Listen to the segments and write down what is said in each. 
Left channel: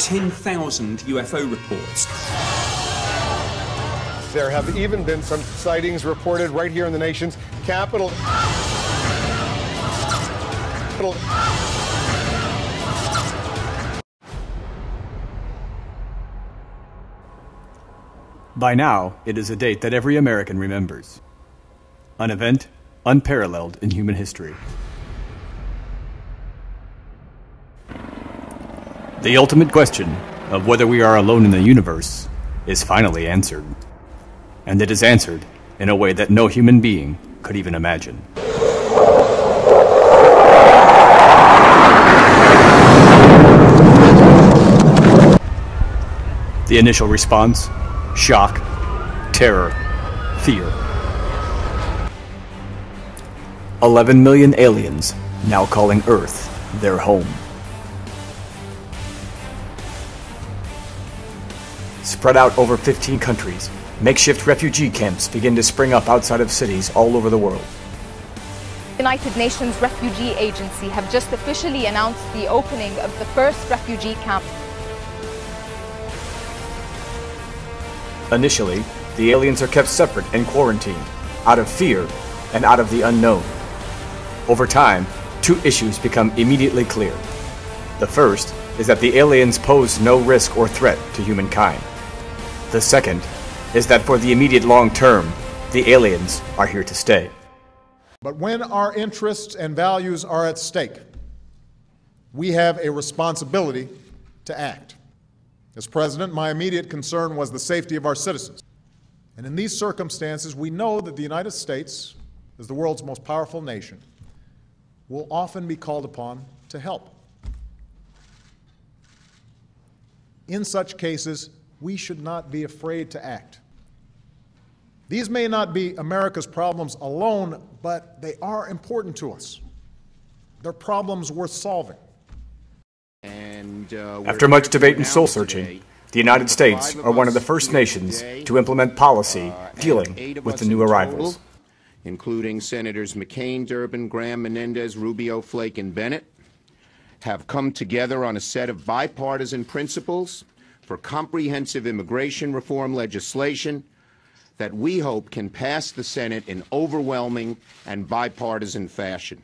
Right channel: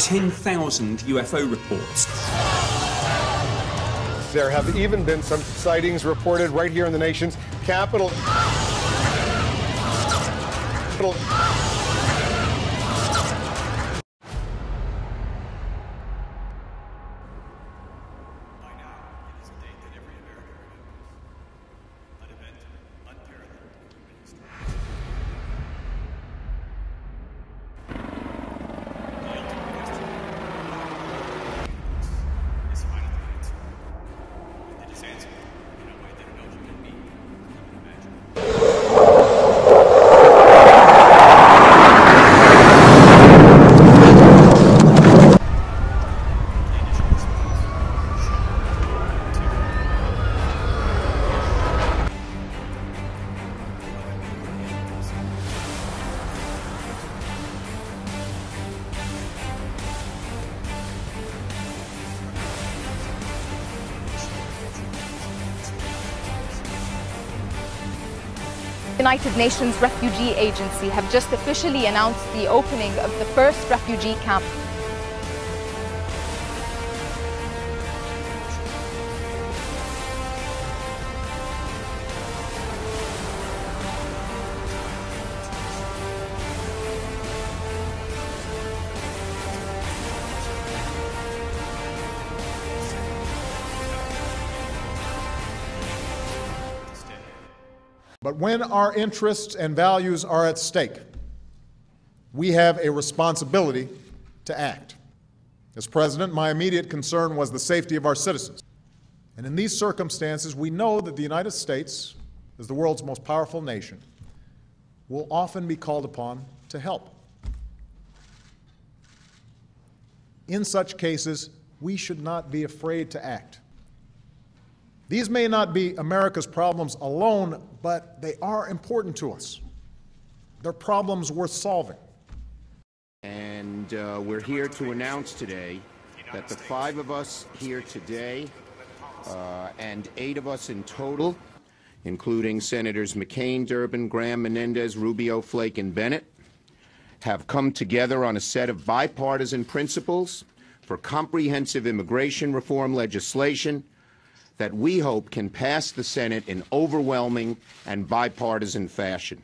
10,000 UFO reports. There have even been some sightings reported right here in the nation's capital. By now, it is a date that every American remembers. An event unparalleled in human history. The ultimate question of whether we are alone in the universe is finally answered. And it is answered in a way that no human being could even imagine. The initial response: shock, terror, fear. 11 million aliens now calling Earth their home. Spread out over 15 countries, makeshift refugee camps begin to spring up outside of cities all over the world. The United Nations Refugee Agency have just officially announced the opening of the first refugee camp. Initially, the aliens are kept separate and quarantined, out of fear and out of the unknown. Over time, two issues become immediately clear. The first is that the aliens pose no risk or threat to humankind. The second is that for the immediate long term, the aliens are here to stay. But when our interests and values are at stake, we have a responsibility to act. As president, my immediate concern was the safety of our citizens. And in these circumstances, we know that the United States, as the world's most powerful nation, will often be called upon to help. In such cases, we should not be afraid to act. These may not be America's problems alone, but they are important to us. They're problems worth solving. After much debate and soul-searching, the United States are one of the first nations to implement policy dealing with the new arrivals. Including Senators McCain, Durbin, Graham, Menendez, Rubio, Flake, and Bennett, have come together on a set of bipartisan principles for comprehensive immigration reform legislation that we hope can pass the Senate in overwhelming and bipartisan fashion.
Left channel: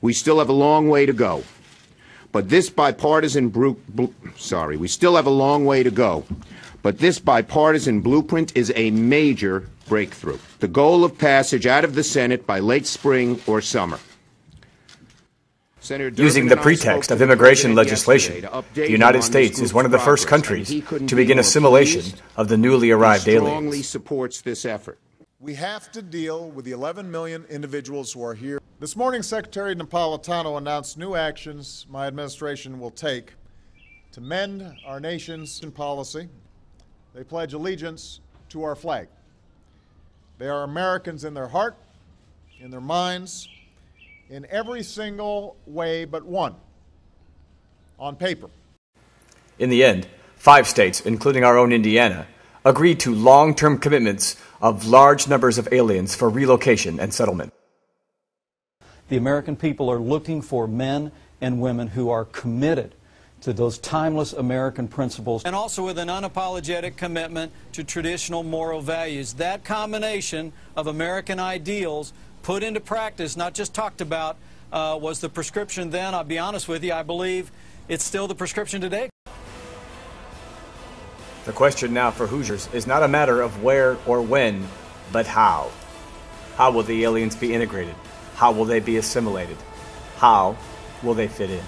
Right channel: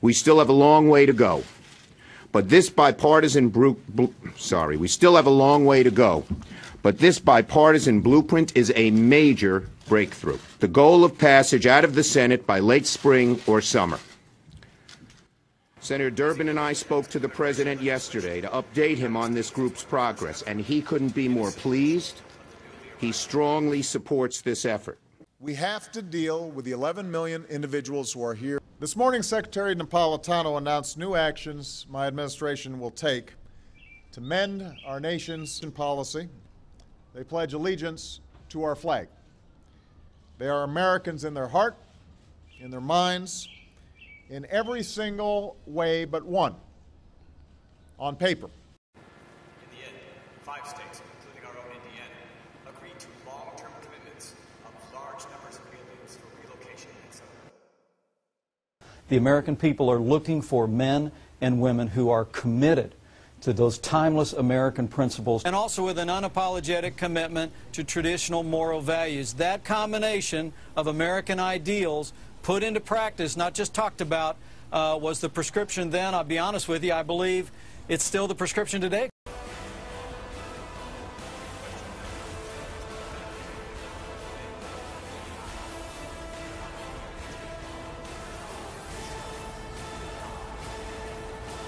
We still have a long way to go. But this bipartisan blueprint is a major breakthrough. The goal of passage out of the Senate by late spring or summer. Senator Durbin Using the pretext of immigration legislation, the United States is one of the first countries to begin assimilation of the newly arrived aliens. He strongly supports this effort. We have to deal with the 11 million individuals who are here. This morning, Secretary Napolitano announced new actions my administration will take to mend our nation's policy. They pledge allegiance to our flag. They are Americans in their heart, in their minds, in every single way but one, on paper. In the end, 5 states, including our own Indiana, agreed to long-term commitments of large numbers of aliens for relocation and settlement. The American people are looking for men and women who are committed to those timeless American principles. And also with an unapologetic commitment to traditional moral values. That combination of American ideals put into practice, not just talked about, was the prescription then. I'll be honest with you, I believe it's still the prescription today. The question now for Hoosiers is not a matter of where or when, but how. How will the aliens be integrated? How will they be assimilated? How will they fit in?